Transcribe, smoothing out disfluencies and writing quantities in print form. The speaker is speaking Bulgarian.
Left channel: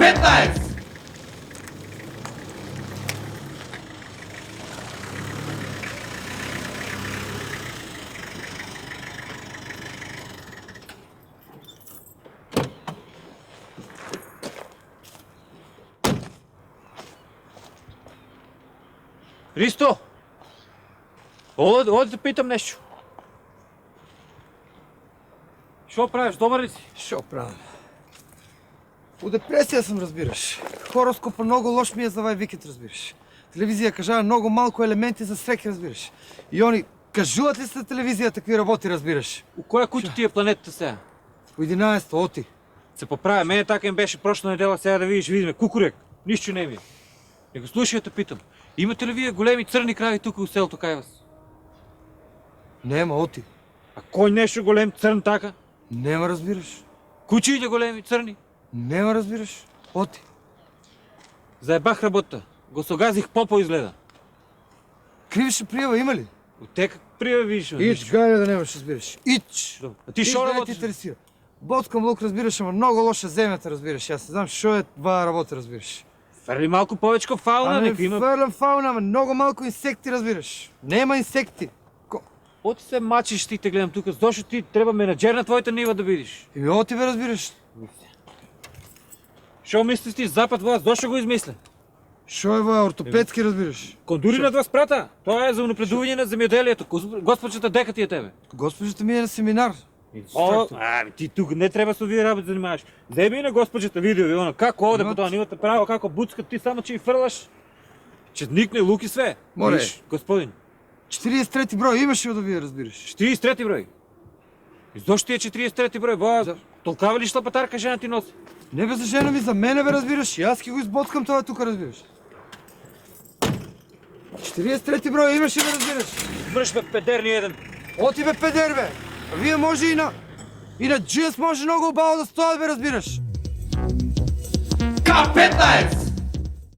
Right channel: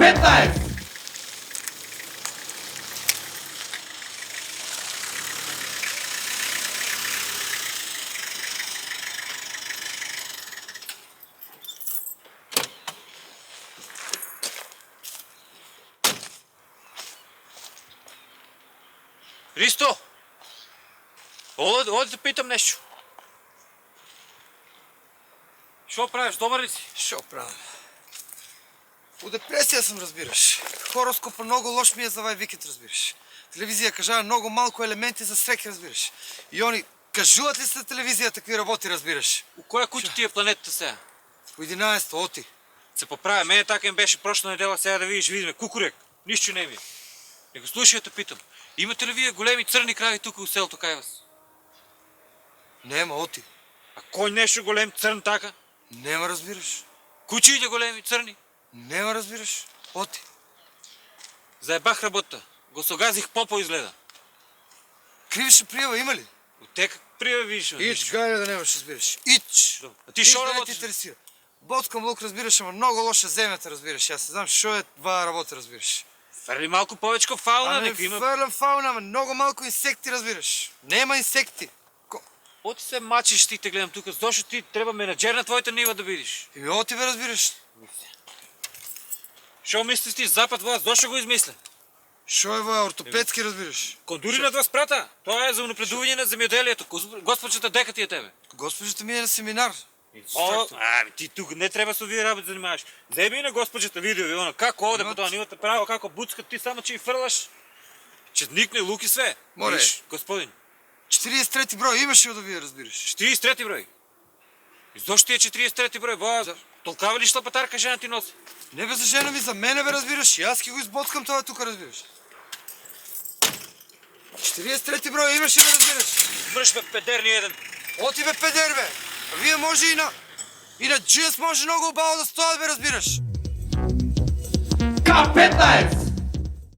K15! Ристо! Оди да питам нещо. Що правиш? Добър ли си? Що правим? По депресия съм, разбираш. Хороскопа много лош ми е за вай викет, разбираш. Телевизия кажа много малко елементи за среки, разбираш. И они кажуват ли са телевизия такви работи, разбираш? У коя куча ти е планетата сега? По 11 оти. Се поправя. Мене така им беше прошлата неделя, сега да видиме. Кукурек. Нищо не ми. Не го слушай, те питам. Имате ли вие големи църни крави тук в селото Кайвас? Нема, оти. А кой нещо голем църн така? Нема, разбираш. Кучиите големи църни? Нема, разбираш. Оти. Заебах работа. Го согазих попо изгледа. Кривише приева има ли? От те как прия видиш? Ич, гайде да немаш, разбираш. Ич! А ти шо да не ти работиш? интересира. Боцкам лук, разбираш, ама много лоша земята, разбираш. Аз не знам, шо е това работа, разбираш. Ферли малко повече фауна, Ами нека има. фърлям фауна, ама много малко инсекти, разбираш. Нема инсекти. Оти се мачиш ти те гледам тук. Защо ти трябва менаджер на твоята нива да видиш? И оти бе, разбираш. Що мислиш ти запад вас? Защо го измисля? Шо е това, ортопедски, разбираш. Кондури над вас прата. Това е за напредуване на земеделието. Госпожата дека ти е тебе. Госпожата ми е на семинар. Ами ти тук не трябва с овие работи да занимаваш. Вземи на госпожата видео, она как оде по това, нивата право, како буцка, ти само че и фърлаш. Че никне луки све. Море. Виж, господин. 43 брой имаше да вие, разбираш. 43 брой. И защо ти е 43 брой? Ба, толкава ли шлапатарка жена ти носи? Не бе за жена ми, за мене бе, разбираш. И аз ки го изботкам това тук, разбираш. 43 брой имаше да разбираш. Връж бе, педер ни един. Оти бе, педер бе. А вие може и на GS може много обало да стоят, бе, разбираш. K15!